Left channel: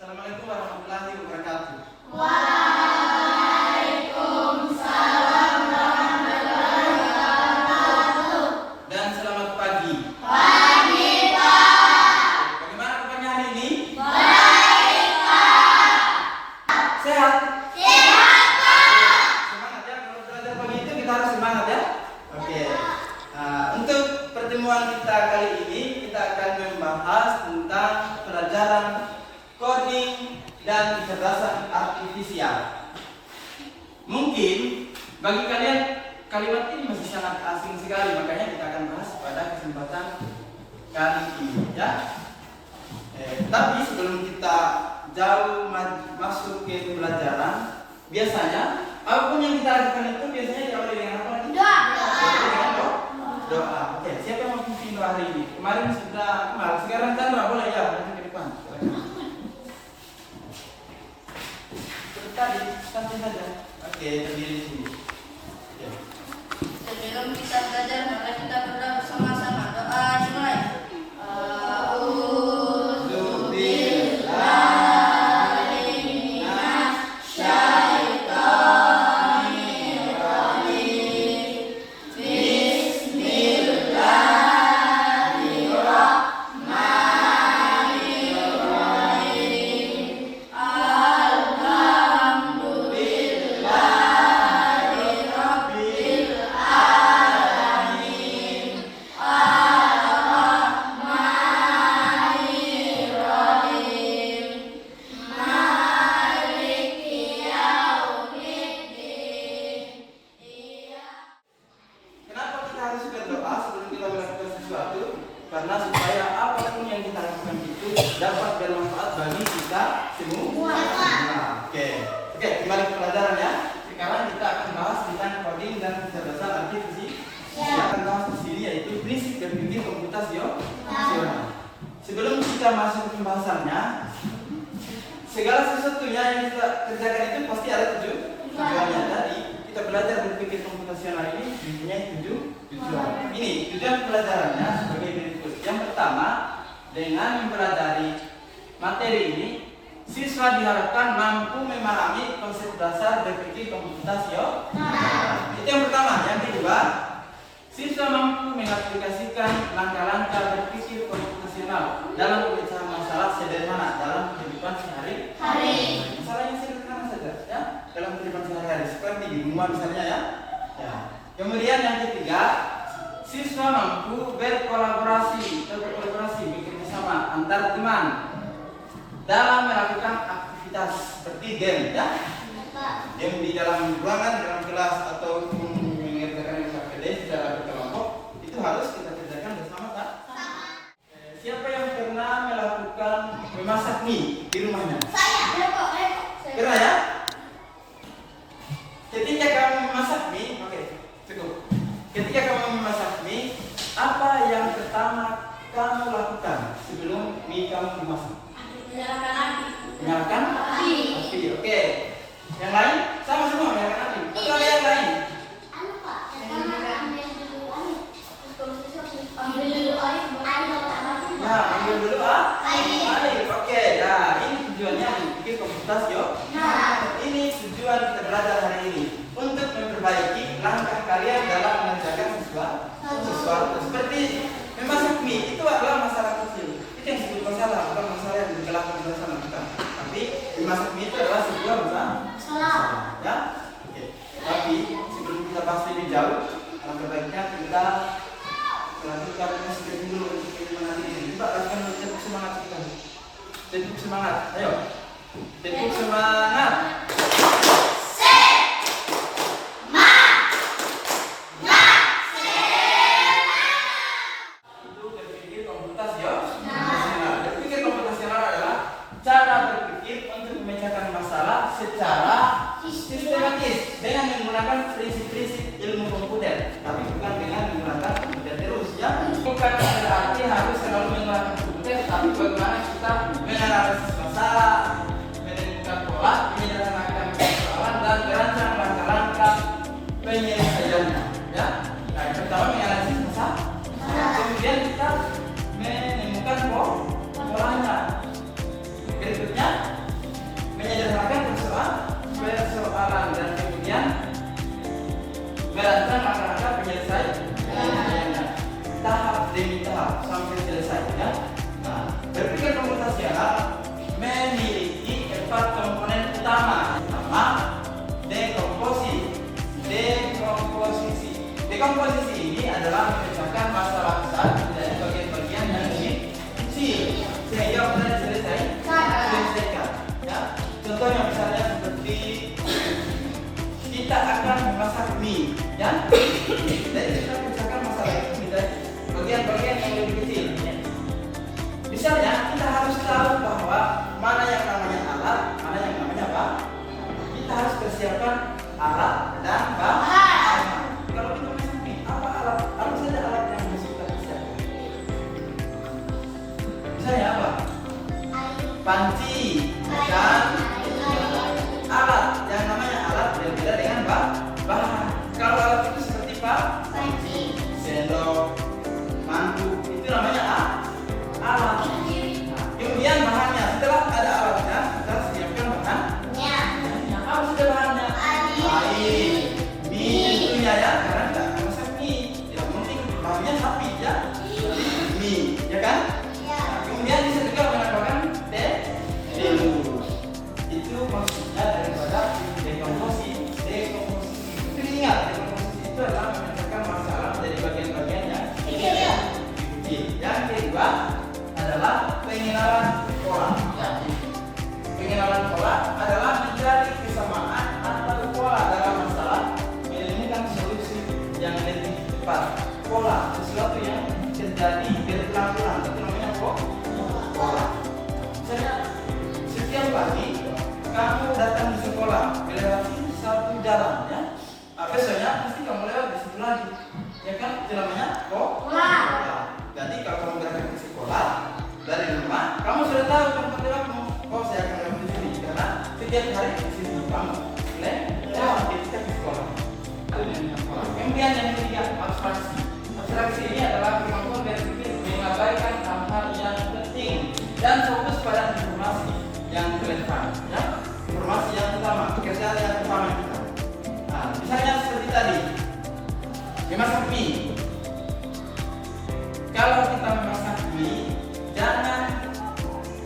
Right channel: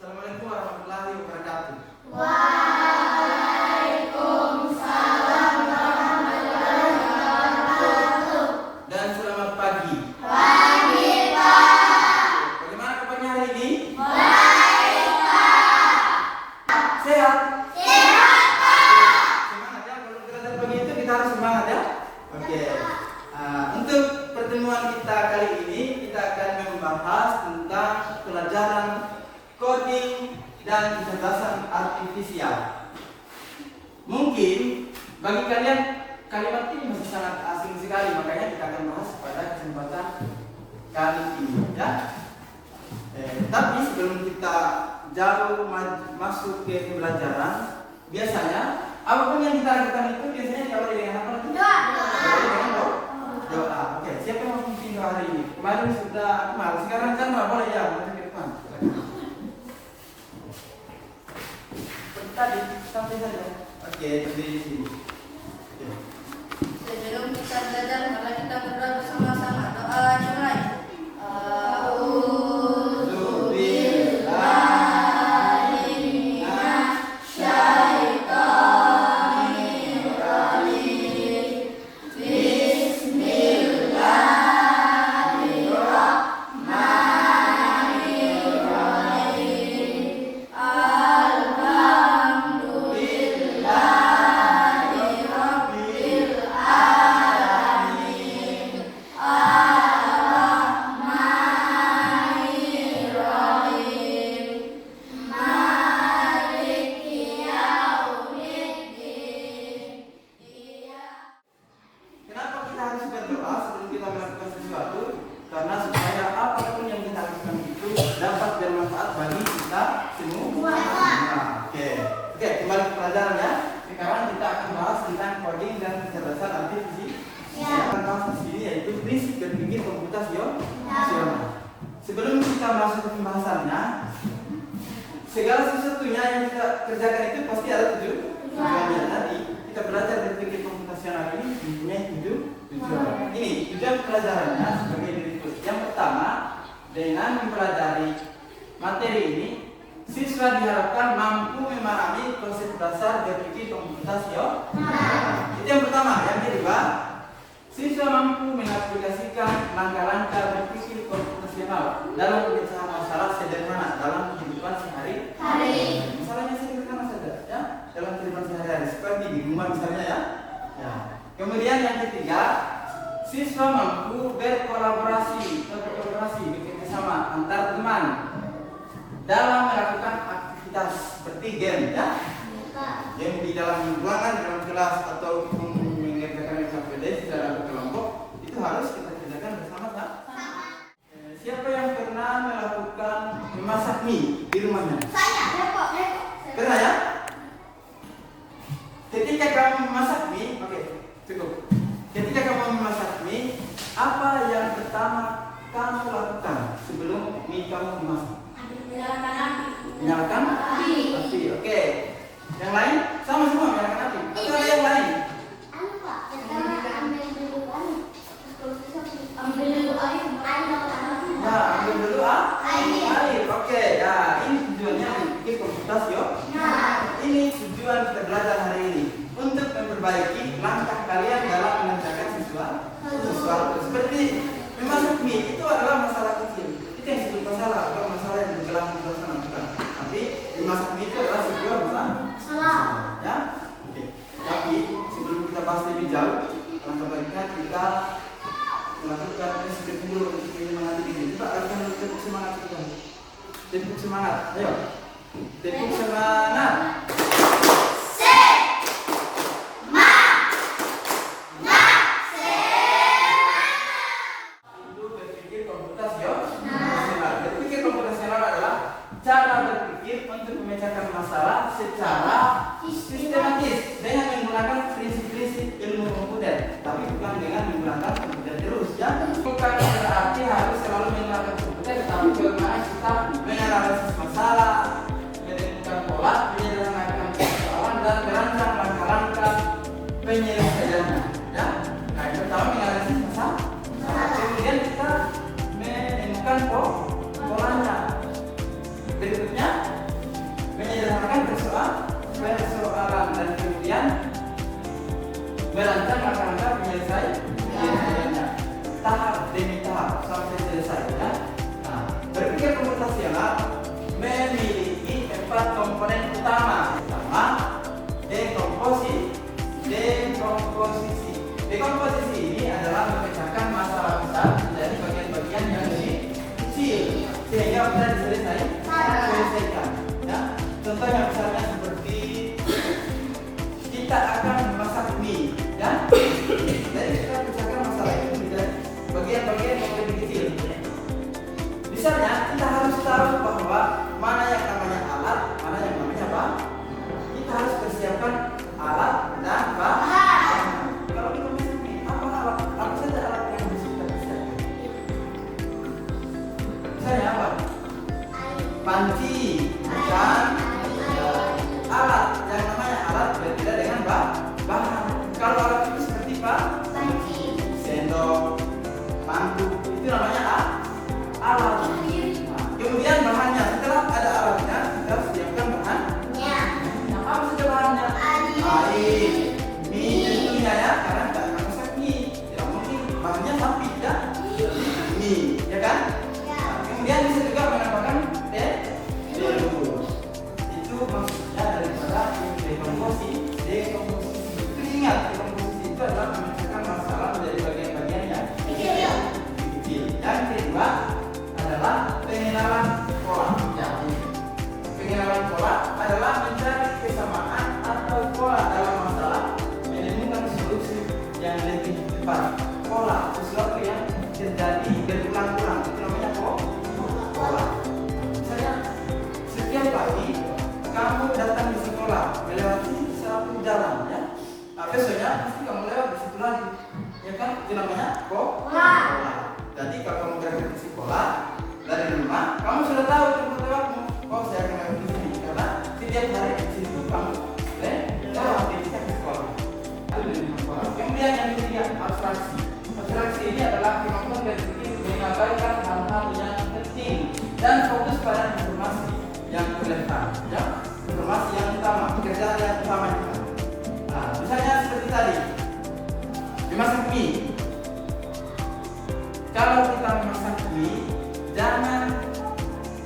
Assalamualaikum warahmatullahi wabarakatuh. Waalaikumsalam warahmatullahi wabarakatuh. Dan selamat pagi. Pagi, Pak. Bagaimana kabarnya hari ini? Baik, Pak. Sehat? Sehat, Pak. Semangat ya, kalau belajar pagi itu kita harus semangat ya. Oke. Untuk pertemuan kita kali ini kita akan membahas tentang pelajaran coding dan kecerdasan artifisial. Mungkin bagi kalian kalimat ini masih sangat asing sekali, makanya kita akan bahas pada kesempatan kali ini ya. Tapi sebelum kita jauh masuk ke pembelajaran, biasanya apapun yang kita lakukan itu biasanya diawali dengan apa nanti? Doa. Dengan doa. Oke, siapa yang mau pimpin doa hari ini? Kemarin sudah Kemal, sekarang kan boleh ya, nanti ke depan. Seperti tadi, santai saja. Oke, berdiri di sini. Oke. Sebelum kita belajar, mari kita berdoa bersama-sama. Doa dimulai. Kenapa kita harus berdoa sebelum kita melakukan sesuatu? Karena supaya apapun yang kita lakukan itu dapat bermanfaat bagi kita semua. Oke, kembali ke pelajaran ya. Sekarang kita akan bahas tentang coding dan kecerdasan artifisial. Yang akan bahas di sini yaitu prinsip berpikir komputasional. Sebelum kita masuk ke pembahasannya, segala sesuatunya yang kita kerjakan itu pasti ada tujuannya. Tadi kita belajar berpikir komputasional ini mempunyai tujuan. Ini tujuan pelajarannya sebagai berikut. Yang pertama, dengan mempelajari materi ini, siswa diharapkan mampu memahami konsep dasar berpikir komputasional. Itu yang pertama. Yang kedua, siswa mampu mengaplikasikan langkah-langkah berpikir komputasional dalam pemecahan masalah sederhana dalam kehidupan sehari-hari. Masalahnya sederhana saja, ya, dalam kehidupan sehari-hari seperti di rumah misalnya ya. Kemudian yang ketiga, siswa mampu berkolaborasi bekerja sama antar teman dalam melakukan aktivitas seperti game ya. Game di dalam ruangan, di dalam kelas atau mengerjakan LKPD secara berkelompok itu harus kita kerjakan bersama tak? Siapa yang pernah melakukan memasak mie di rumahnya? Saya. Pernah ya? Ketika kamu memasak mie, oke, cukup. Ketika kamu memasak mie, apa yang pertama kamu lakukan sebelum mie kamu memasak? Menyalakan api. Oke. Yang lain sama semua menyalakan api. Atau ada yang lain? Ya, ambil dulu air. Oke, ya, ini tujuannya berpikir komputasional. Ini tujuan kita belajar hari ini untuk memperbaiki langkah kalian dalam mengerjakan sesuatu. Seperti memasak mie itu adalah masalah kecil. Itu yang disebut masalah, bukan masalah yang menjelaskan bersama bukan. Tapi memasak mie itu adalah sebuah masalah. Ya, oke. Tapi sebelum kita bahas lebih jauh, alangkah baiknya kita melakukan sedikit dulu untuk mengenali ini. Coba akan tepuk semangat kita. Tepuk semangat, ayo. Tepuk semangat. Itu berpikir komputasional. Berpikir komputasional adalah cara berpikir untuk memecahkan masalah secara sistematis dengan menggunakan prinsip-prinsip ilmu komputer, tapi bukan dengan menggunakan komputer terus ya. Bukan berarti harus selalu menggunakan komputer, tapi bagaimana kita menganalisis masalah, menemukan pola, menyederhanakan persoalan dan merancang langkah-langkah penyelesaiannya. Ya, nah yang pertama menganalisis masalah, kemudian kita menemukan polanya. Berikutnya panci, kan? Alat, yang namanya alat berbeda dengan bahan. Kalau alat itu seperti sendok, mangkuk, itu namanya alat. Nah, kemudian bahannya, setelah ada alatnya, kita siapkan bahannya. Apa saja bahannya? Air, mie tentunya ya, karena tidak akan masak mie. Tidak mungkin bahannya sapi ya, mie, ya kan? Nah, kemudian bisa juga menambahkan telur. Itu maksudnya daripada dekomposisi. Itu ingat, dekomposisi itu adalah menyelesaikan masalah dari bagian-bagian yang kecil. Yang kedua adalah pengenalan pola. Jadi, pengenalan pola adalah mencari kesamaan atau pola dalam masalah, menemukan solusi yang lebih tepat. Pola, sesuatu yang terjadi berulang-ulang, itu namanya pola. Misalnya, setiap pagi kamu datang di sekolah melewati satu jalan ya. Besoknya pasti kamu lewat di situ lagi, ya kan? Itu namanya pola. Jadi kalau kamu berangkat ke sekolah dari rumah, kamu sudah tahu tempat lewatmu. Oh, saya akan lewat di sini karena setiap hari di situ kamu lewat ketika ke sekolah. Itu dengan pola. Kemudian yang ketiga, abstraksi. Abstraksi ini adalah kemampuan berpikir mengabaikan hal-hal yang penting dan fokus pada informasi yang relevan, ya, informasi yang utama, pekerjaan yang utama kita. Nah, misalnya seperti tadi, memasak mie. Kalau kita memasak mie, jangan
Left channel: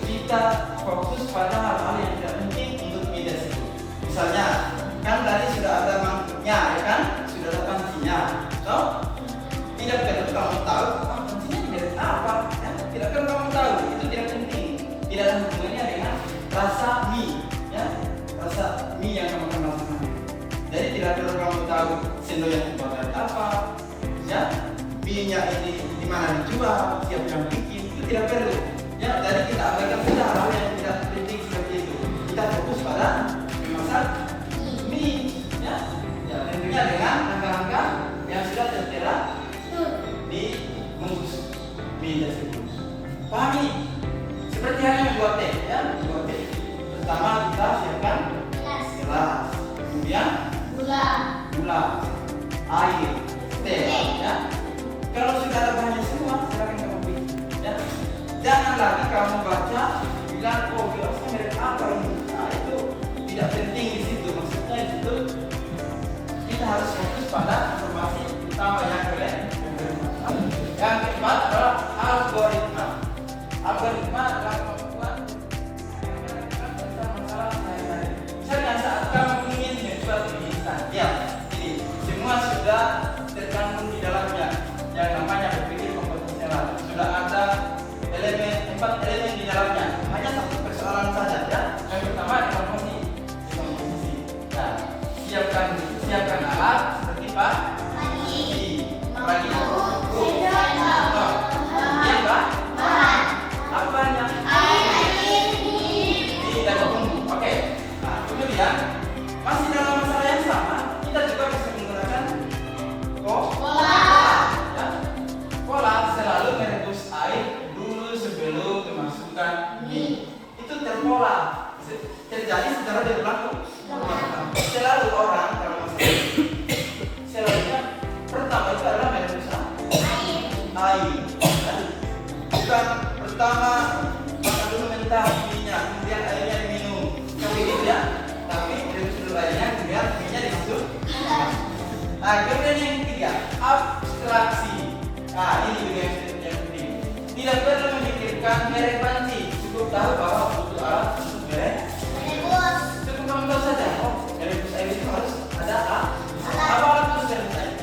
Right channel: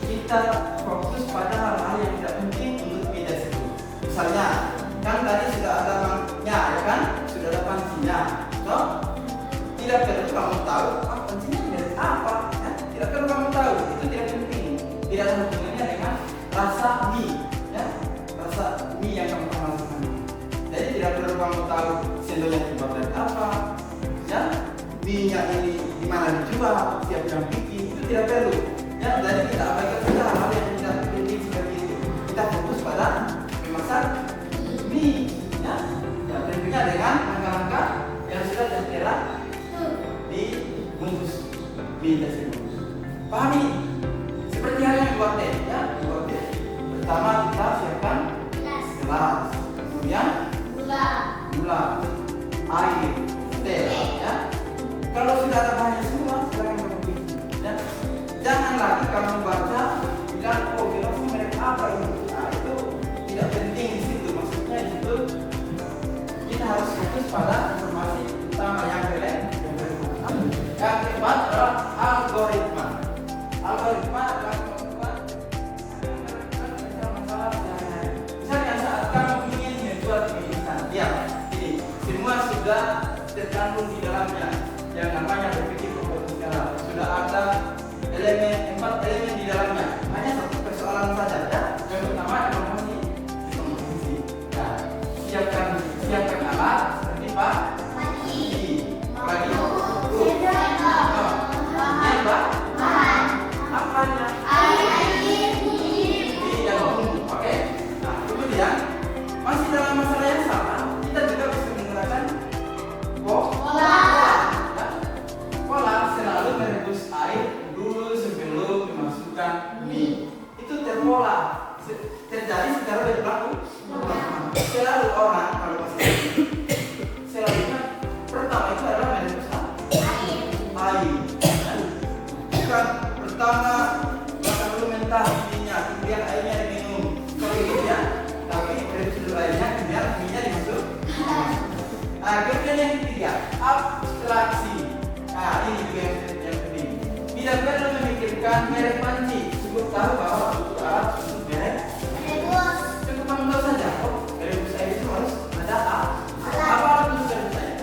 kita fokus pada hal-hal yang tidak penting untuk mie tersebut. Misalnya, kan tadi sudah ada mangkuknya, ya kan? Sudah ada pancinya. So, tidak perlu kamu tahu, pancinya dari apa? Ya? Tidak perlu kamu tahu, itu tidak penting. Tidak ada hubungannya dengan rasa mie, ya, rasa mie yang kamu masak. Jadi tidak perlu kamu tahu sendok yang dibuat dari apa, ya, mie-nya ini di mana dijual, siapa yang bikin, itu tidak perlu. Ya, jadi kita abaikan saja hal yang tidak penting seperti itu. Kita fokus pada memasak mie, ya, ya tentunya dengan langkah-langkah yang sudah tertera di bungkus mie tersebut. Pahami? Seperti halnya membuat teh, ya, membuat teh. Pertama kita siapkan gelas, kemudian gula, air, teh, ya. Kalau sudah ada bahannya semua, silakan kamu bikin. Ya. Jangan lagi kamu baca bilang, oh gelasnya merek apa ini? Nah, itu tidak penting di situ. Maksudnya di situ kita harus fokus pada informasi utama yang relevan. Yang keempat adalah algoritma. Algoritma adalah kemampuan masalah sehari-hari. Misalnya saat kamu ingin menjual instan, ya, ini semua sudah terkandung di dalamnya yang namanya berpikir komputasional. Sudah ada empat elemen di dalamnya. Hanya satu persoalan saja, ya. Yang pertama informasi komposisi. Ya, siapkan alat seperti pagi, apanya? Dan bumbu. Oke. Nah, kemudian masih dalam masalah yang sama, kita juga bisa menggunakan pola selalu merebus air dulu sebelum memasukkan mie. Itu terpola, terjadi secara berulang-ulang. Selalu orang kalau masak selalunya pertama itu adalah merebus air. Bukan pertama makan dulu mentah minyak, kemudian airnya diminum. Kalau gitu ya, tapi rebus dulu airnya, kemudian minyak dimasuk. Nah, kemudian yang ketiga, abstraksi. Nah, ini juga yang penting. Tidak perlu memikirkan merek panci, cukup tahu bahwa butuh alat untuk merek. Cukup kamu tahu saja, oh, rebus air itu harus ada apa alat untuk rebus air?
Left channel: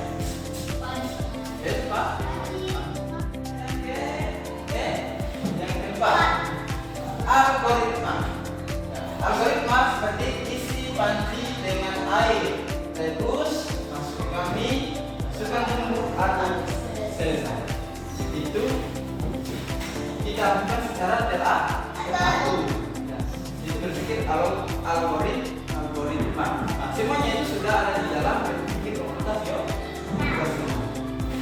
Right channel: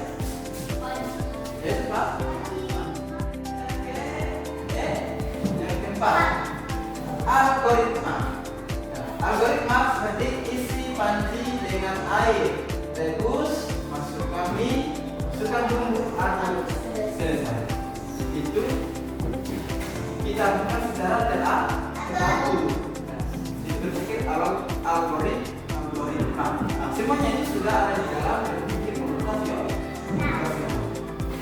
Itu Pak. Yang keempat, algoritma. Algoritma seperti isi panci dengan air, rebus, masukkan mie, masukkan bumbu, atau selesai. Itu kita lakukan secara teratur. Itu berpikir algoritma. Nah, semuanya itu sudah ada di dalam berpikir komputasional.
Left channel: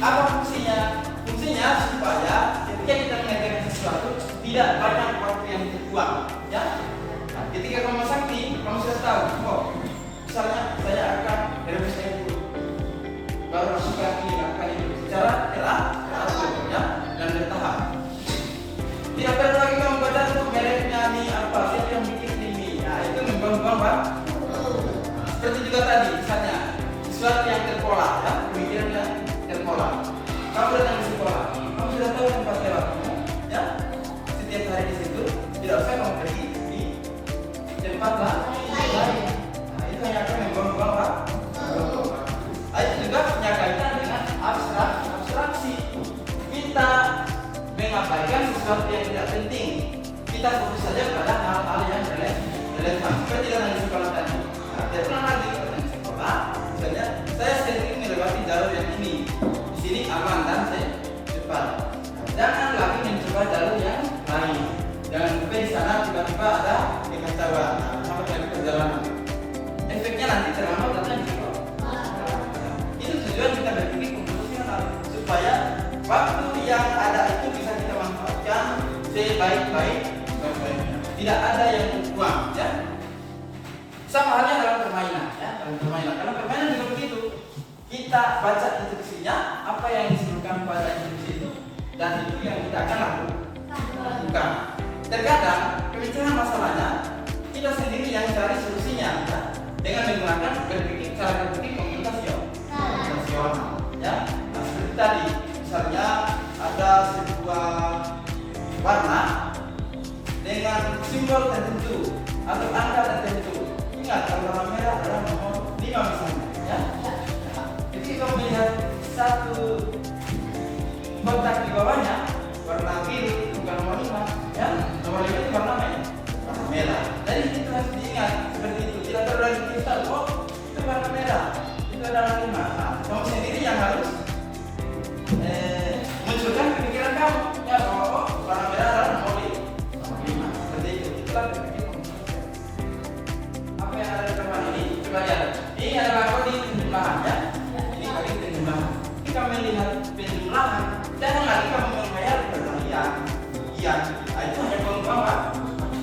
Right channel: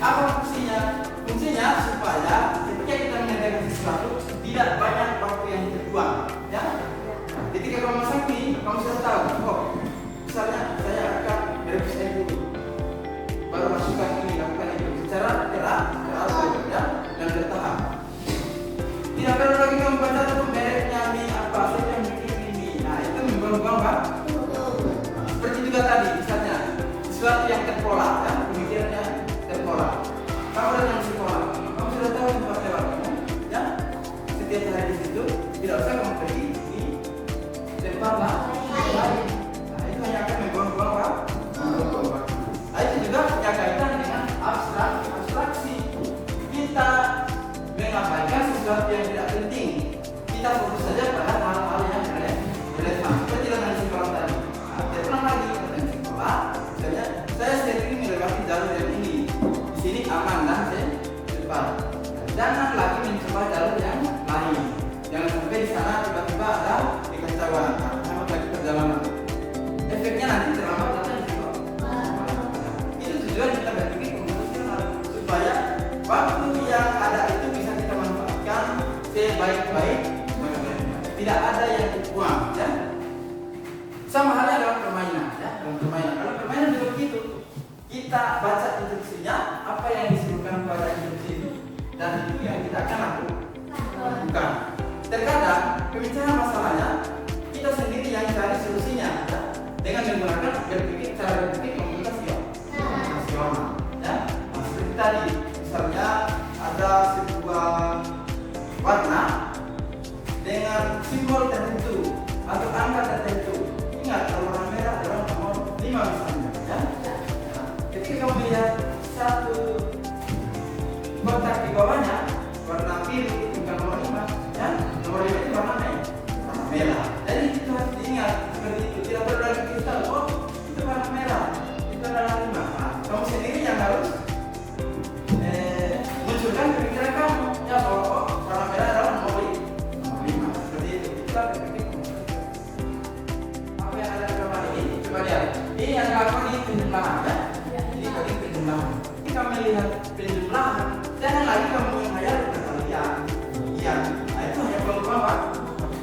Apa fungsinya? Fungsinya supaya ketika kita mengerjakan sesuatu tidak banyak waktu yang terbuang. ya. Nah, ketika kamu masang ini, kamu sudah tahu. Oh, misalnya saya akan merevisi ini dulu, baru masukkan ini, lakukan itu secara teratur, ya, dan bertahap. Tidak perlu lagi kamu baca tuh mereknya ini apa, siapa yang bikin ini. Nah, itu membuang-buang, Pak. Seperti juga tadi, misalnya sesuatu yang terpola, ya, pemikirannya terpola. Kamu datang di sekolah, kamu sudah tahu tempat lewat kamu, ya. Setiap hari di situ, tidak usah kamu pergi di tempat lain. Nah, itu hanya akan membuang-buang, Pak. Nah, itu juga punya kaitan dengan abstraksi. Kita mengabaikan sesuatu yang tidak penting. Kita fokus saja pada hal-hal yang relevan. Seperti dalam sekolah tadi. Nah, saya pernah lagi di sekolah. Misalnya, saya sering melewati jalur yang ini. Di sini aman dan cepat. Jangan lagi mencoba jalur yang lain. Jangan sampai di sana tiba-tiba ada kekacauan. Nah, sama lagi perjalanan. Efeknya nanti terlambat datang di sekolah. Itu tujuan kita berpikir komputasional supaya waktu yang ada itu bisa kita manfaatkan sebaik-baiknya. Tidak ada yang terbuang, ya. Sama halnya dalam permainan, ya. Dalam permainan, karena permainan juga begitu. Kita baca instruksinya, apa yang disebutkan pada instruksi itu, dan itu yang kita akan lakukan. Terkadang pembicaraan masalahnya kita sendiri yang cari solusinya, ya. Dengan menggunakan cara berpikir komunikasional, ya. Nah, seperti tadi, misalnya ada sebuah warna dengan simbol tertentu atau angka tertentu. Ingat, kalau warna merah adalah nomor 5 misalnya, ya. Ketika kamu melihat satu kotak di bawahnya warna biru bukan nomor 5, ya. Nomor 5 itu warna merah. Jadi itu harus diingat seperti itu. Tidak perlu lagi kita tahu, oh itu warna merah, itu adalah 5. Nah, kamu sendiri yang harus munculkan pemikiran kamu, ya, bahwa oh warna merah adalah nomor 5. Seperti itu. Kita berpikir komunikasi. Apa yang ada di dalam ini? Coba lihat. Ini adalah coding penjumlahan, ya. Ini coding penjumlahan. Ketika melihat penjumlahan, jangan lagi kamu menghayal perkalian. Iya, nah, itu hanya buang-buang, Pak.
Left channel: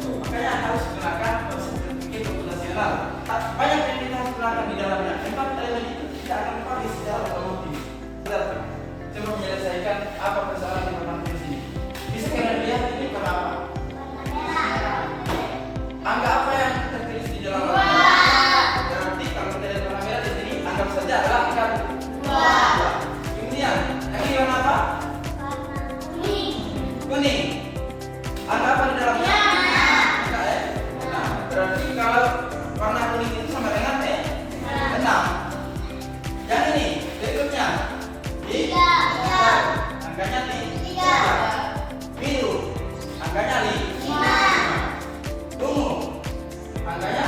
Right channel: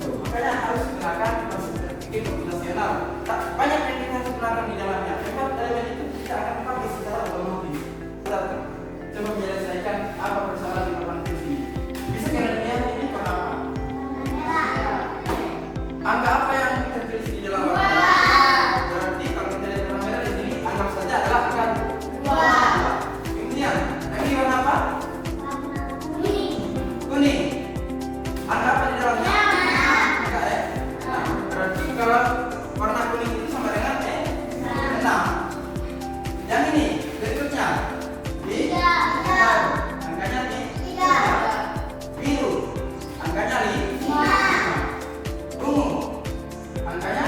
Makanya harus gunakan konsep berpikir komputasional. Banyak yang kita harus gunakan di dalamnya. Empat elemen itu tidak akan dipakai secara otomatis. Kita coba menyelesaikan apa persoalan di dalam sini. Bisa kalian lihat ini warna apa? Angka apa yang tertulis di dalam warna? Berarti kalau kita lihat warna merah di sini, anggap saja adalah angka 2. Kemudian, ini warna apa? Kuning. Angka apa di dalamnya? Angka E. Nah, berarti kalau warna kuning itu sama dengan E 6. Yang ini berikutnya di 3. Angkanya di 3. Biru angkanya di 5. Ungu angkanya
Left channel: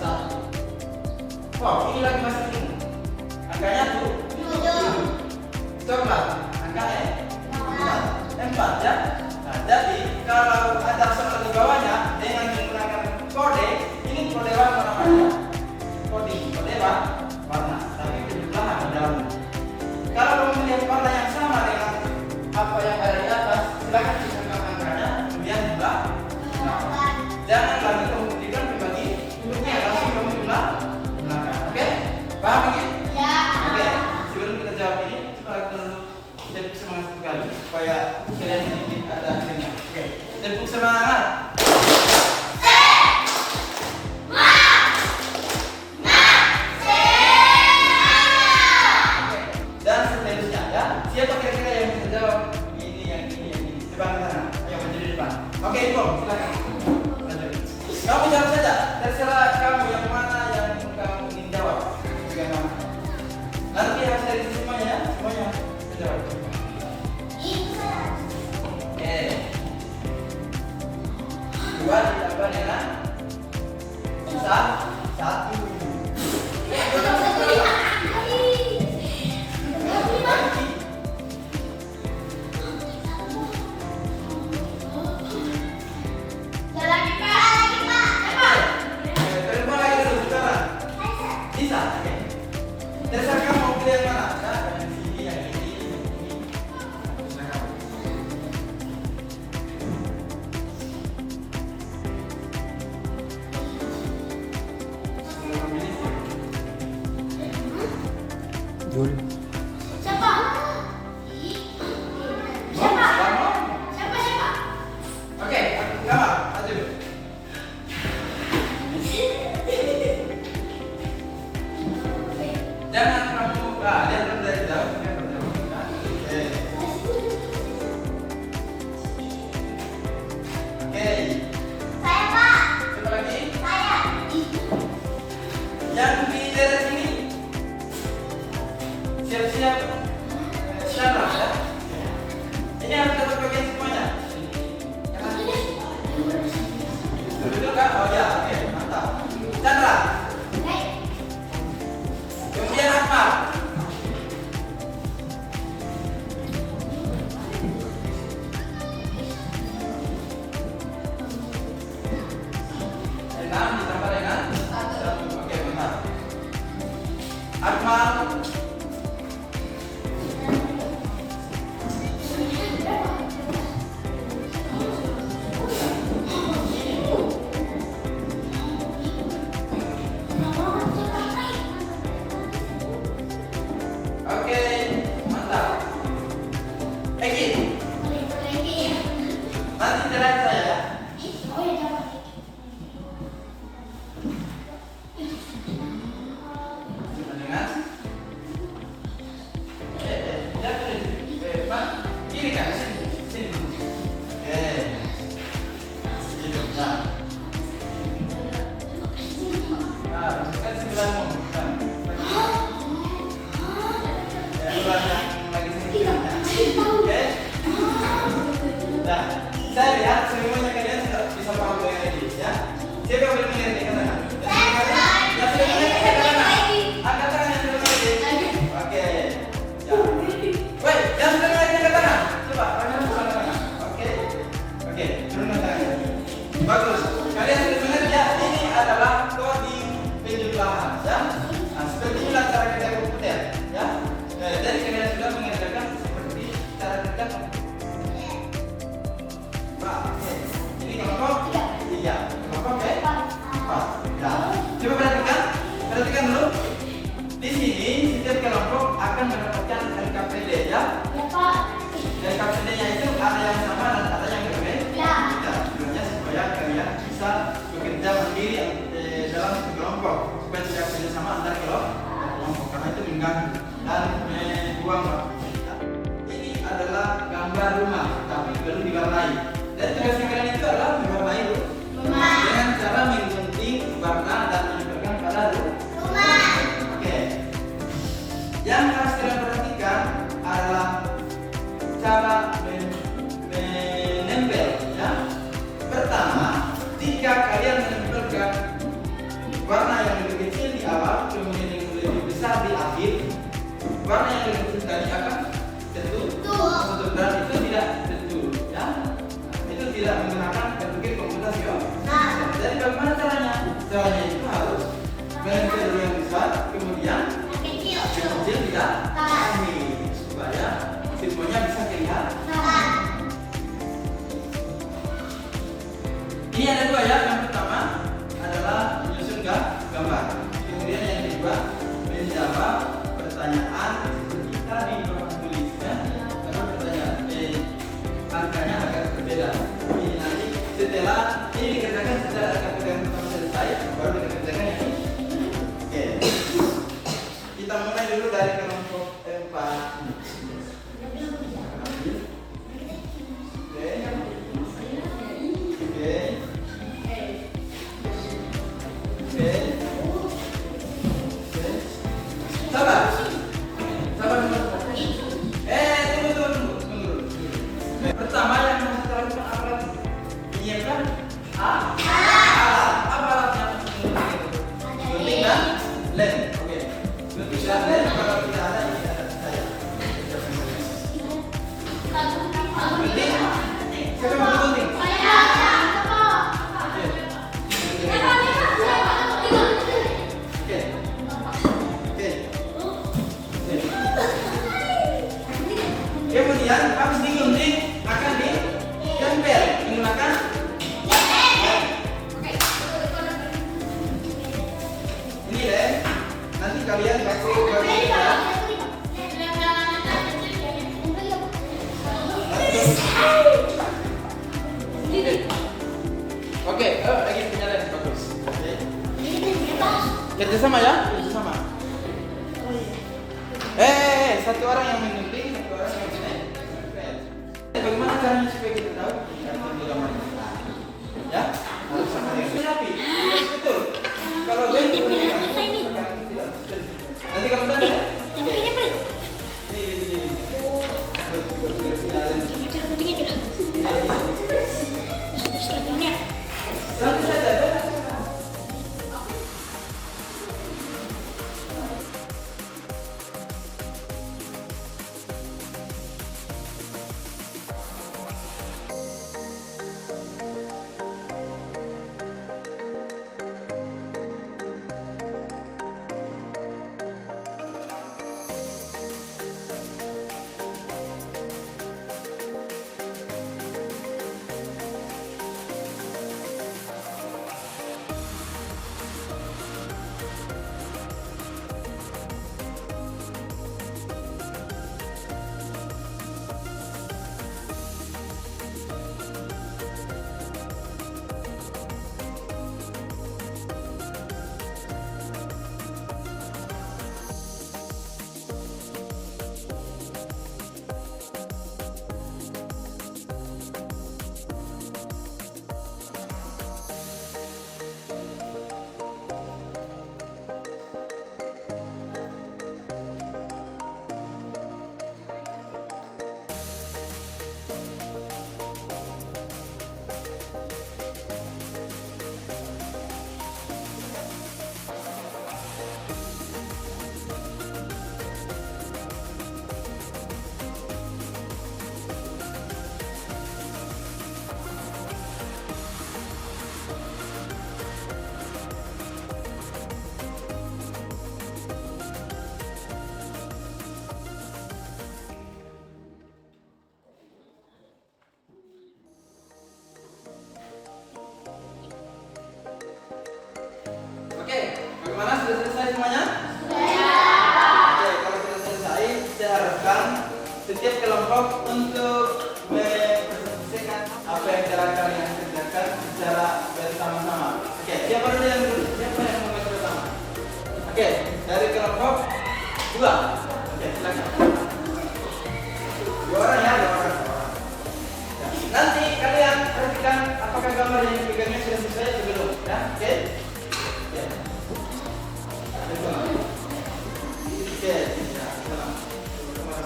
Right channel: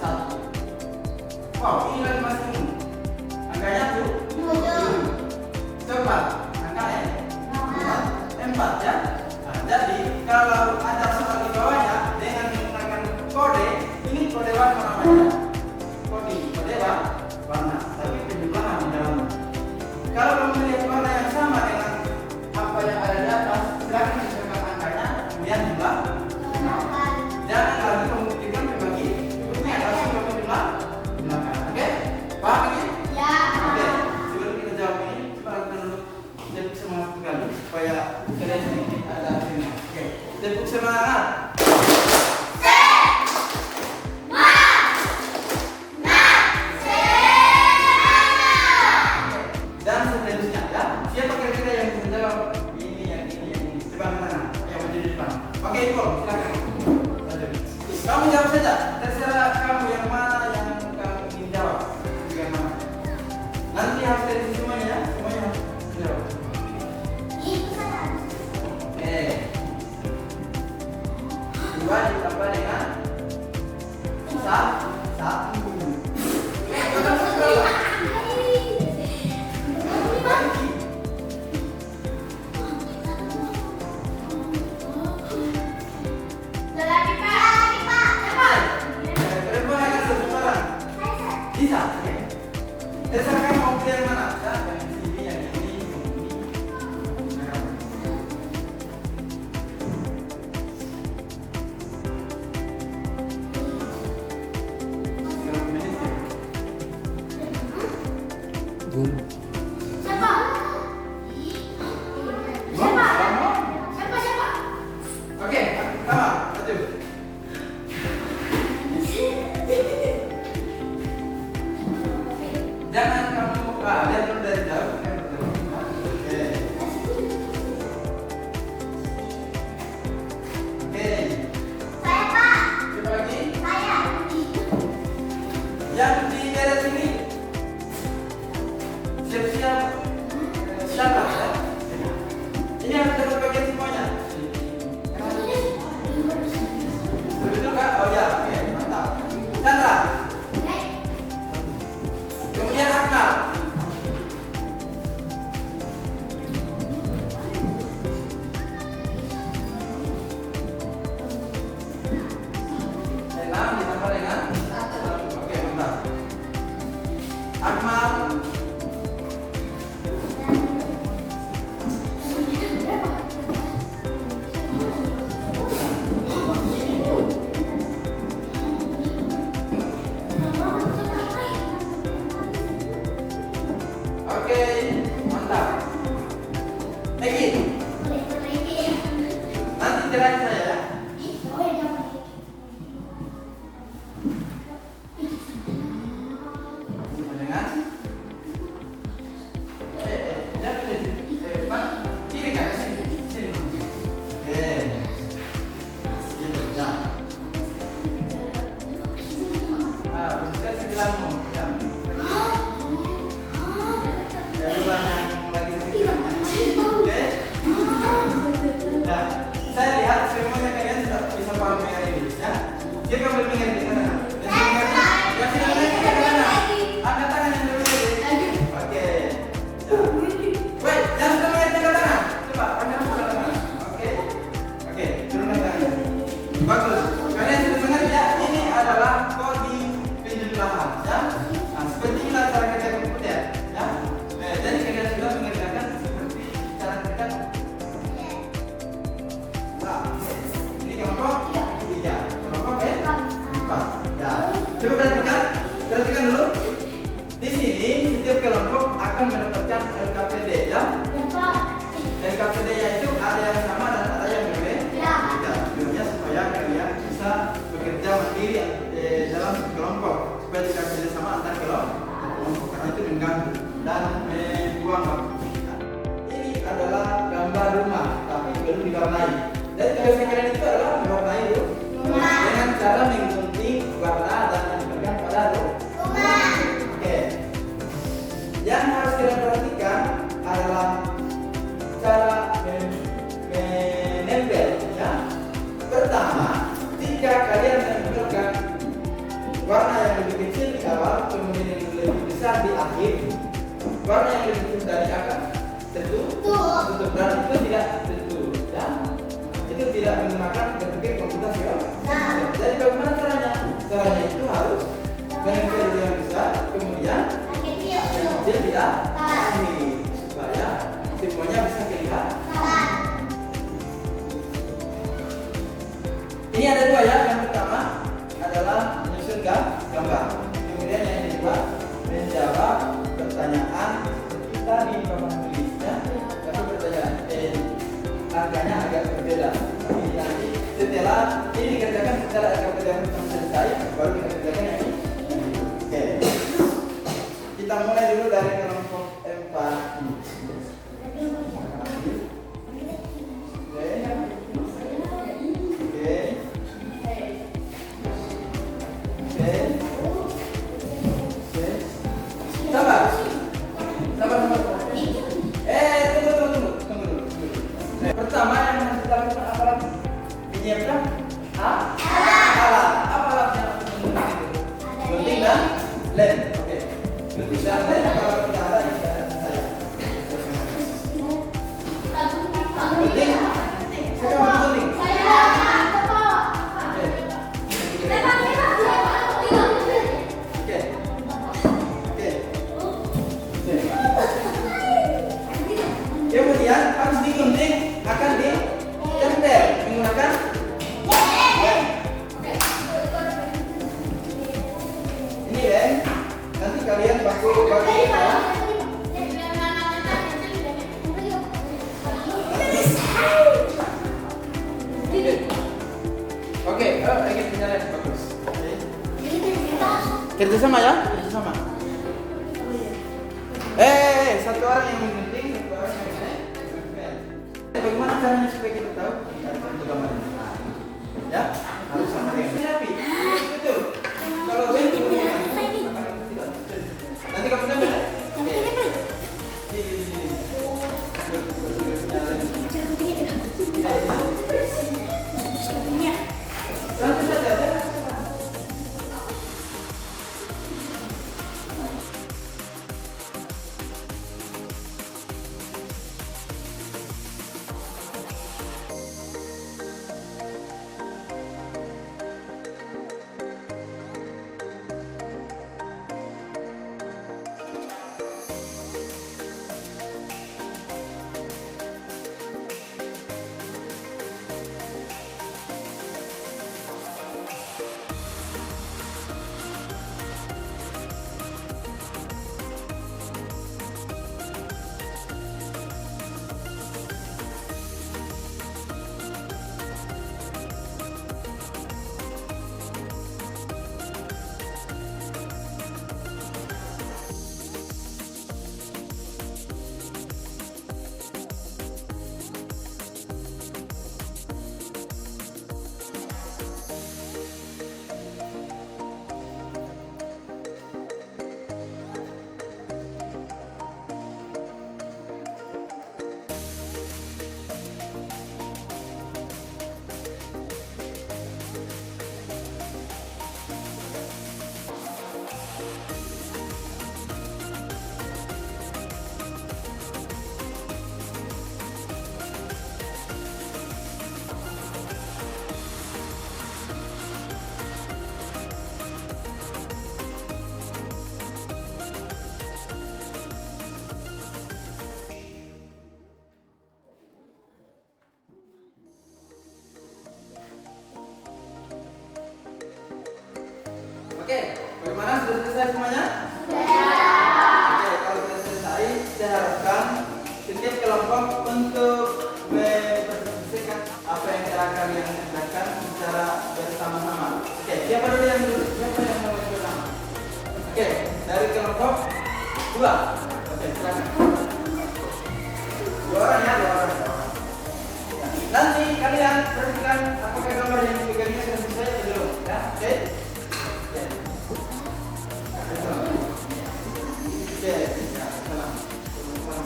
1. Wow, ini lagi masih ungu. Angkanya 7. Coklat angka E 4, ya. Nah, jadi kalau ada soal di bawahnya dengan menggunakan kode, ini kode warna namanya. Kode warna, tapi penjumlahan di dalamnya. Kalau kamu melihat warna yang sama dengan apa yang ada di atas, silakan disangka angkanya, kemudian jumlah. Jangan lagi kamu berikan berbagi hurufnya, langsung kamu gunakan. Oke? Paham ini? Ya. Oke. Sebelum kita jawab ini, coba kita dulu tepuk semangat sekali supaya kalian sedikit ada hasilnya. Oke. Tepuk semangat. Dan seterusnya, ya. Siapa kira-kira yang bisa jawab ini, yang ini. Coba ke sana, yang maju di depan. Oke, Ibu, silakan. Kamu jawab saja. Terserah kamu yang mana yang kamu ingin jawab. Yang mana? Nanti harus dari semuanya, ya. Semuanya harus jawab. Oke. 2 ditambah dengan 1. Bisa, oke. Terserah kamu mau pilih yang mana? Yang ini, yang ini, yang ini. 1 Waduh. Siapa? Siapa? Siapa? Oke, sama, maju. Jangan kamu lihat dulu dari jauh. Oke. Oke. Coba lagi. Yang di daerah sini siap-siap siapa ya? Ini harus dapat bagian semuanya. Betul Kak? Oh ya, oke, mantap. Chandra. Kemudian Akmal. Dengan ditambah dengan satu. Oke, mantap. Akmal. Oke, mantap. Egi, nanti jalan saya ya. Dengan Pak, kiri kan? Sini. Oke. Gitu, ya. Nah, bukan sebelahmu. Bukan. Ya, sebelah yang lagi sedikit. Oke. Nah, saya lihat semuanya kalian sudah bisa paham dengan ini, ya. Siapa yang berpikir di sana? Yang sudah punya di sana. Angkat tangan yang sudah punya di. Oke. Ya. Woi, yang sudah punya di tangan. Coba, kalian buka tangan. Oke. Oke, turunkan tangan. Bagus. Kalian sudah dengar ya? Ini adalah kode penjumlahan, ya. Nah, seperti inilah cara kerja komputer, ya. Nah, jadi kalian sudah mengerjakan seperti cara kerja komputer. Nah, oke. Ini kelompok? Iya. Kelompok empat. Ya. Coba perhatikan dulu. Di sini setiap kelompok akan mendapatkan LKPD, ya. LKPD-nya itu ada yang sama dan ada yang berbeda. Tujuannya supaya kalian bisa bekerja mandiri dalam kelompok supaya tidak kerja sama antar kelompok karena itu mengganggu dan membuang waktu. Nah, ini adalah gambar rumah tapi belum diwarnai. Dan tugas kalian itu adalah mewarnai rumah dengan cara menggunting warna dan menempelkan pada rumah. Oke. Yang harus kalian perhatikan adalah cara menempel, ya. Pertama, jika kalian menempelkan warna yang lebih kecil di awal, kemudian yang lebih besar di akhir, warna yang lebih kecil tadi akan tutup dan itu tidak tetur, ya. Itu tidak menggunakan berbagai komputasi. Jadi bagaimana caranya? Caranya itu harus menempel dulu yang besar, kemudian yang kecil tidak akhir supaya semuanya bisa kelihatan. Ini ada dua ya. Yang pertama adalah menyusun gambar. Kemudian yang kedua menjawab pertanyaan kita di papan tulisnya. Tapi pertanyaan harganya agak berbeda. Ini nanti setelah ini dikerjakan secara agak pertama selesai, baru kita kerjakan yang ini. Oke. Kita mulai dulu dari kelompok 4 ini. Pertama yang harus kita lakukan apa lagi? Menyiapkan alat. Apa alatnya? Oke, lagi penyalain bagus. Oke. Kerja sama ya, kerja sama. Satu orang yang memimpin, satu orang yang menempel. Bagaimana caranya supaya kita tahu ini gambar ini? Ya, harus sama dengan rapi. Betul. Kalau nanti kamu tanya ya. Satu saja. Oke, bagaimana? Sudah selesai semuanya? Oke, kalau sudah selesai, saya harapkan setiap kelompok untuk mempresentasikan apa yang cara kalian kerjakan secara bersama-sama. Oke, siapa dulu yang dulu? Siapa yang mau maju pertama? Oke, dari kelompok 2. Oke, silakan. 2 orang ya, 2 orang. Nanti kalian perhatikan apakah gambar yang dipegangnya sudah selesai atau belum, ya? Oke.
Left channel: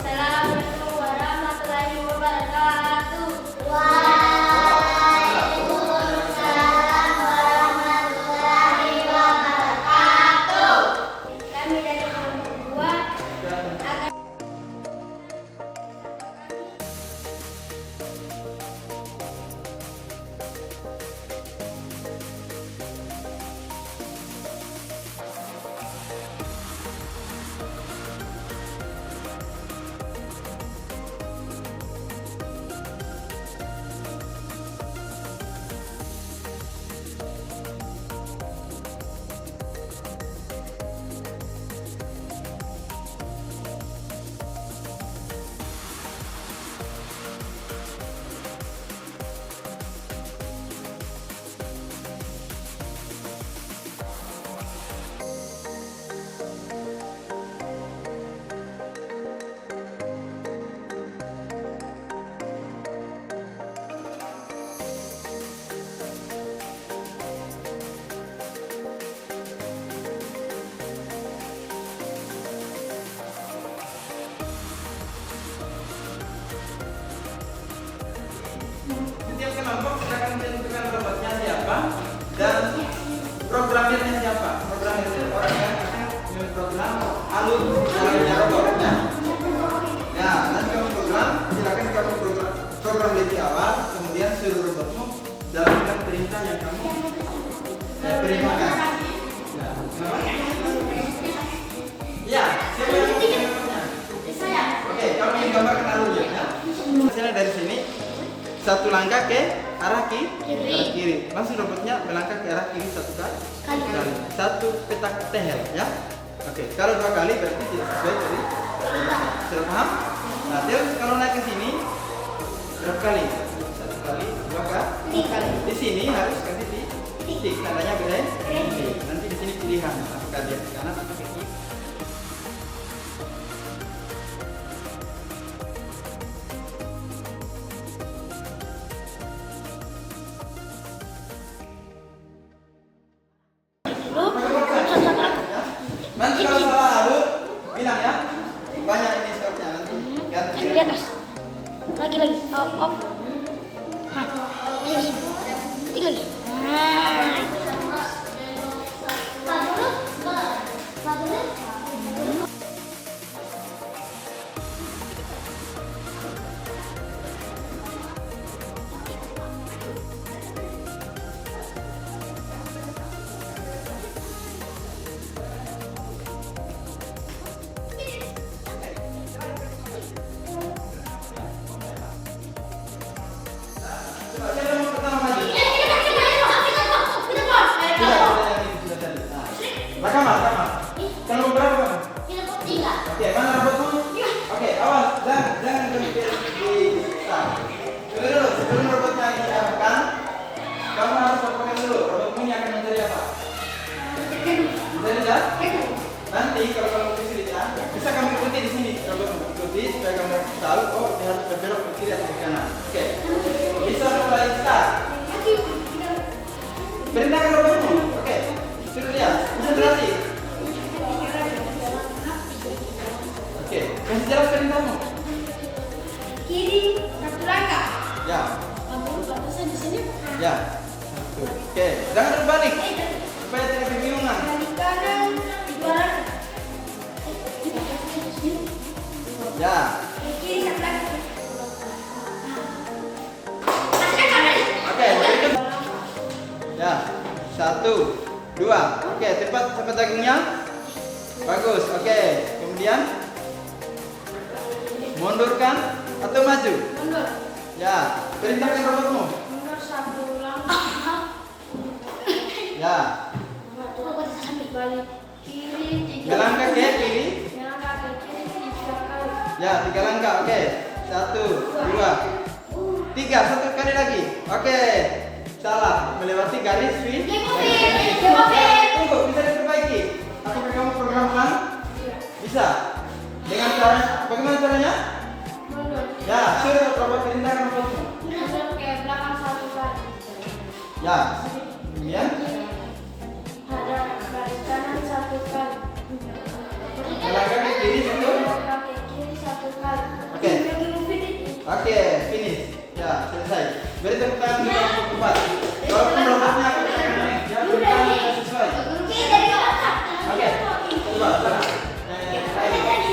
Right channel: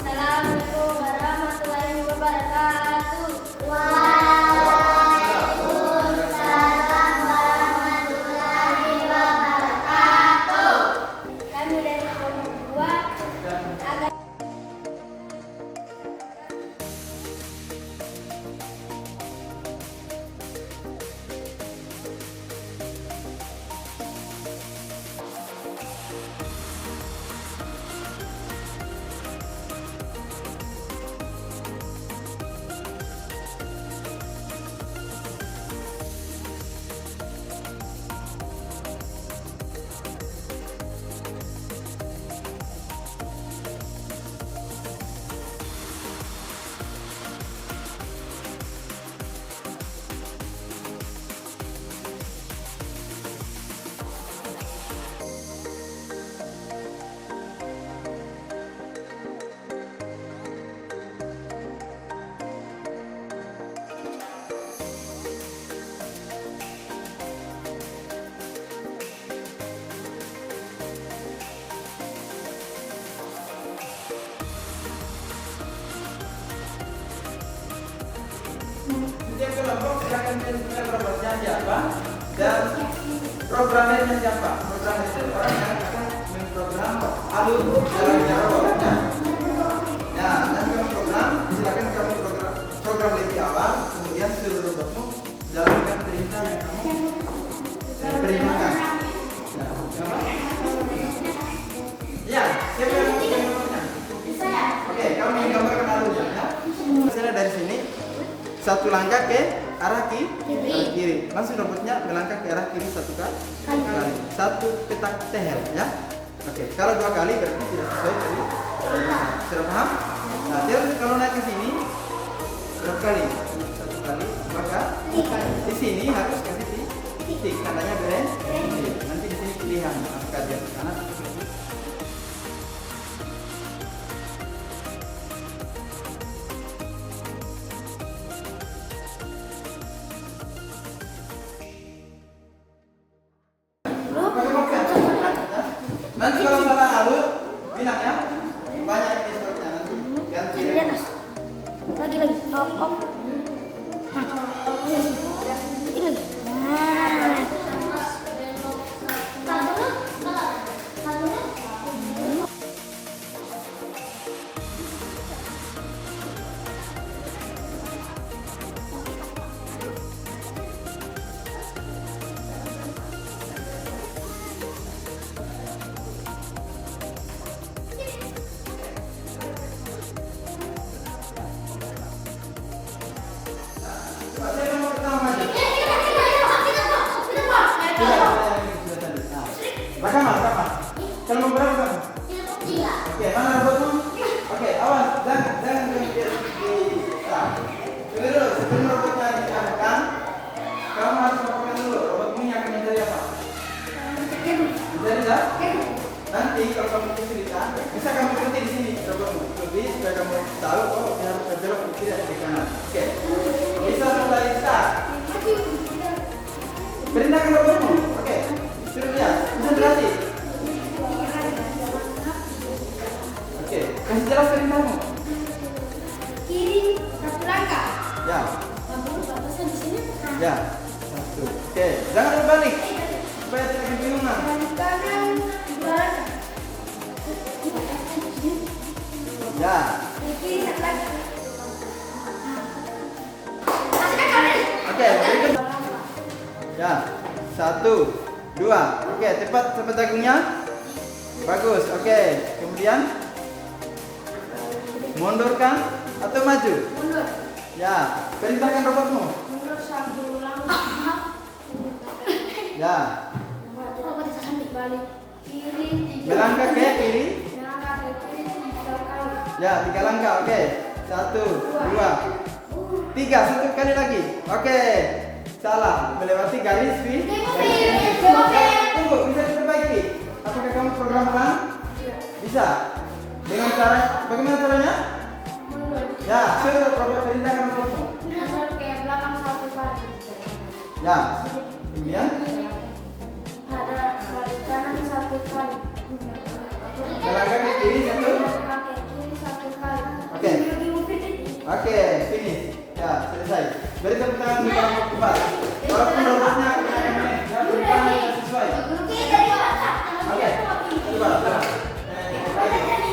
Assalamualaikum warahmatullahi wabarakatuh. Waalaikumsalam warahmatullahi wabarakatuh. Kami dari kelompok 2 akan setiap kelompok silakan menentukan robotnya siapa dan programmernya siapa. Programmer itu orang yang akan memprogram alur jalannya robotnya. Ya, nanti kamu program, silakan kamu program lebih awal, kemudian seluruh robotmu jalankan perintah yang kamu perintahkan. Ya, siapa yang mau bikin robotnya? Oke, kamu yang gambarkan alurnya ya. Misalnya dari sini satu langkah ke arah kiri. Langsung robotnya melangkah ke arah kiri satu kali. Satu petak tehel ya. Oke, kalau 2 kali berarti tidak sesuai dari sudah paham? Nah, terus kalau naik ke sini berapa kali? 1 kali, 2 kali. Di sini harus kasih titik, tandanya berhenti. Nanti di sini pilihan apakah dia ke kanan atau ke kiri. Nanti kalau salah lalu bilang ya. Banyak ini stopnya nanti. Ganti. Di atas. Lagi. Op. Hah. Yes. Tiga lagi. Siapa mau pertama maju? Sudah tadi. Nah, rekaman. Kalau mau berapa kamu? Oke, mana robotmu? Oke, awas, jangan di dulu sebelum robotnya diarahkan, kamu harus lakukan dulu. Robotmu yang akan mencari apa? Mencari dah? Nanti kalau kamu kesulitan, bisa kamu ikuti di sini. Robotmu ikuti supaya kamu tahu oh saya harus berbelok ke kiri atau ke kanan. Oke, bisa mulai start. Perintahkan robotmu. Oke, suruh dia. Bisa berlatih. Oke, kasih jelas perintahmu. Kiri satu langkah. Ya, Batasan di sini. ya. Oke, jangan berbalik supaya tidak kebingungan. Balik kanan dua langkah. Ya, Kiri satu langkah. oke. Berikan. Ya, 1, 2. Oke, cepat sampai jagungnya. Bagus. Oke, kemudian mundurkan atau maju. Mundur. Ya, perintahkan robotmu. Mundur satu langkah. Ya, Balik kiri tiga melangkah ke kiri. Melangkah ke kiri 3 kali. Ya, 3 langkah. Oke, 1, 2, 3. 1 kali lagi. Oke, salah. Melewati garis finish. Tunggu, bisa diperbaiki. Apakah kamu programkan? Bisa. Dengan cara bagaimana caranya? Mundur. Ya, suruh robot perintahkan robotmu. Mundur ke belakang 1 kali. Ya, kemudian Ada balik kanan 1 kali. melangkah ke kiri 1. Melangkah ke kiri 1 kali. Oke. Oke, finish. Ya, selesai. Beri tepuk tangan untuk kamu cepat. Walaupun robotnya ya perintahnya sesuai. Oke, coba.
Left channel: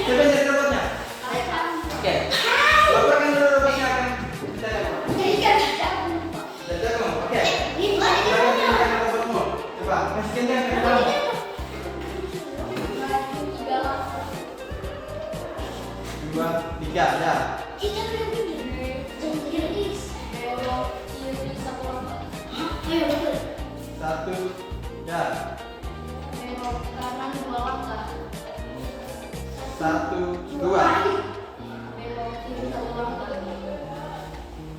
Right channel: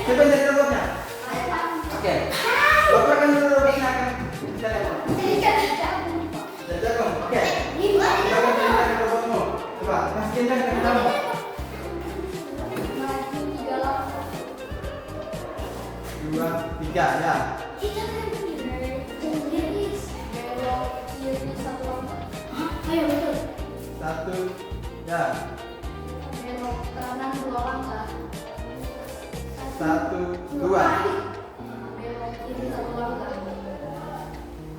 Coba jadi robotnya. Oke. Laporkan dulu robotnya akan bisa telepon. Dan jagung. Oke. Silakan perintahkan robotmu. Coba, kasih kencang ke kamu. 2, 3, ya. Satu, ya. Kanan 2 langkah. 1, 2. Kiri 1 langkah.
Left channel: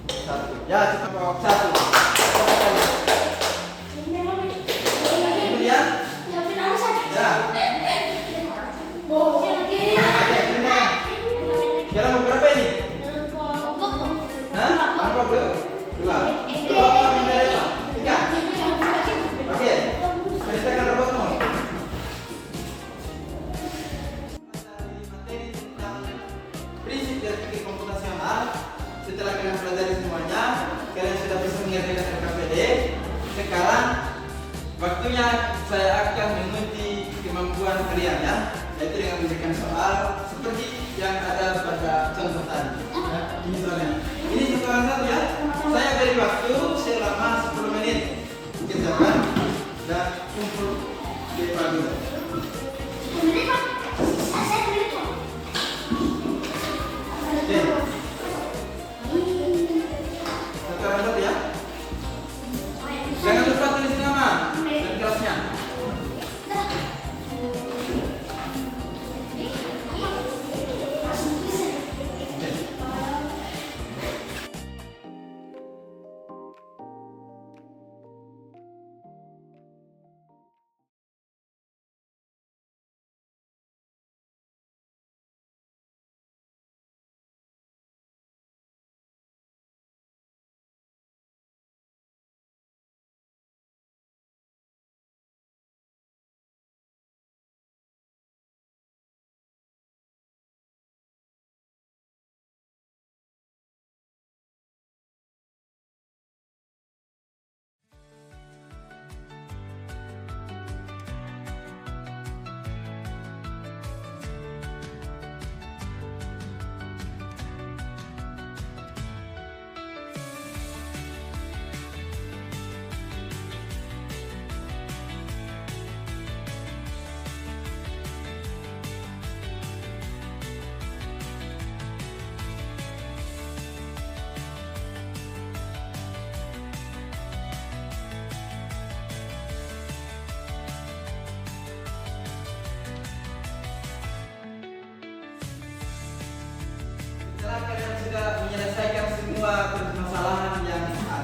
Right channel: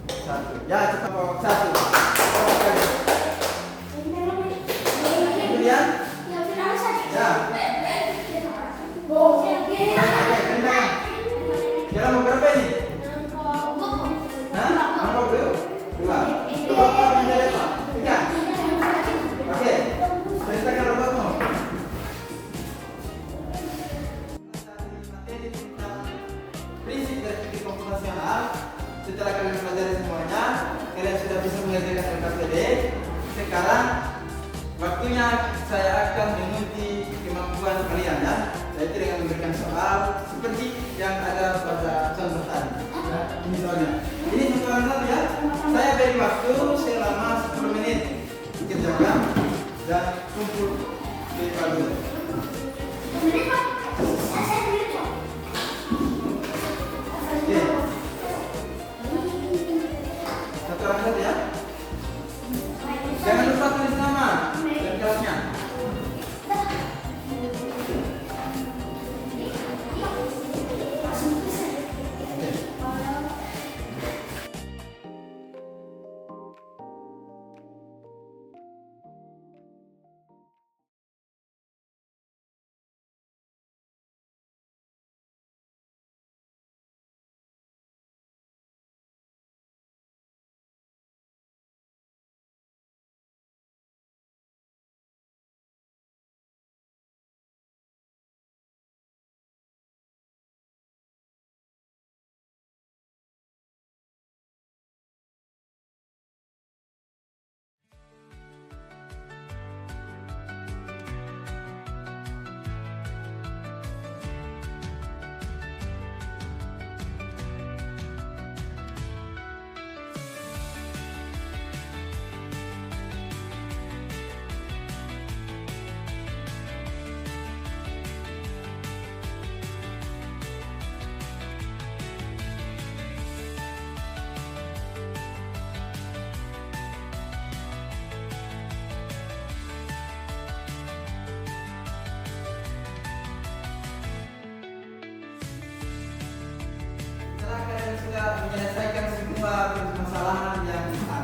1. Ya, cepat bawa 1. Kemudian, ya. Oke, perintahkan. Jalan mau berapa ini? Hah? Angkot dulu. 2. Robot menjadi apa? 3. Oke. Perintahkan robotmu. Prinsip dari teknik komputasional. Setelah kalian pelajari semuanya, kalian sudah bisa mengerjakan LKPD. Sekarang waktunya saya akan menguji kemampuan kalian ya, yaitu dengan memberikan soal seperti yang ada pada contoh tadi. Ya, misalnya, ini contohnya tadi ya. Saya beri waktu selama 10 menit kerjakan dan untuk dipadu. Oke. Contohnya tadi ya. Jangan lupa tulis nama dan kelasnya.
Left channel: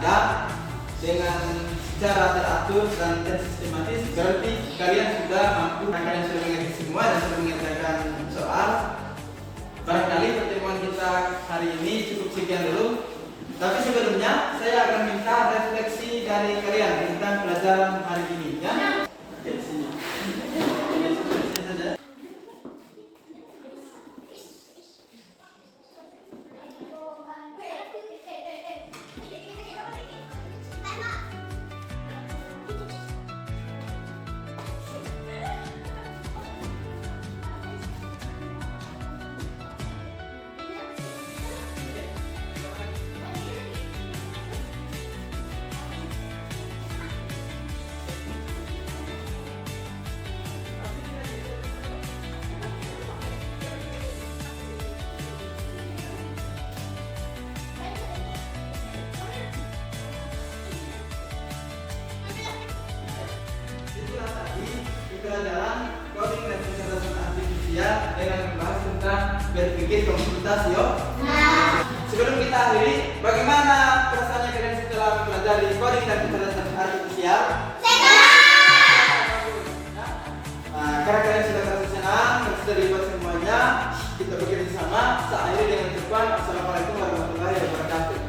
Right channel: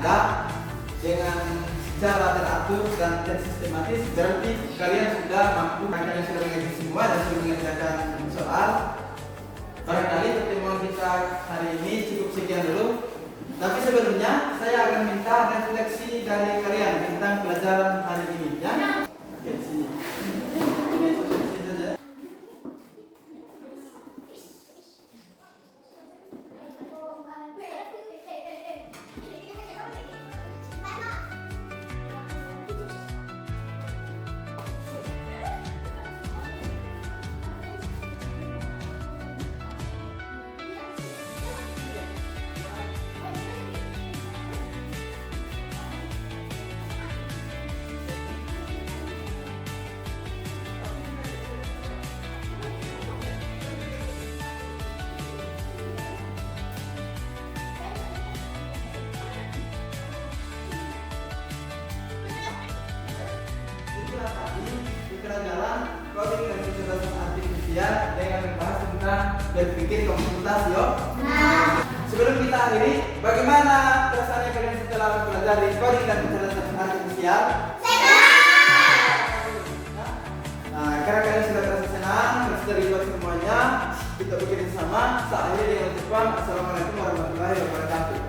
ada dengan secara teratur dan sistematis, berarti kalian sudah mampu, kalian sudah mengerti semua dan sudah mengerjakan soal. Barangkali pertemuan kita hari ini cukup sekian dulu. Tapi sebelumnya saya akan minta refleksi dari kalian tentang pelajaran hari ini, ya. Oke, sini. Sini saja. Itulah tadi pelajaran coding dan kecerdasan artifisial dengan membahas tentang berpikir komputasi, yo. Sebelum kita akhiri, bagaimana perasaannya kalian setelah mempelajari coding dan kecerdasan artifisial? Nah, karena kalian sudah merasa senang, sudah terlibat semuanya, kita bekerja sama. Saya akhiri dengan ucapan Assalamualaikum warahmatullahi wabarakatuh.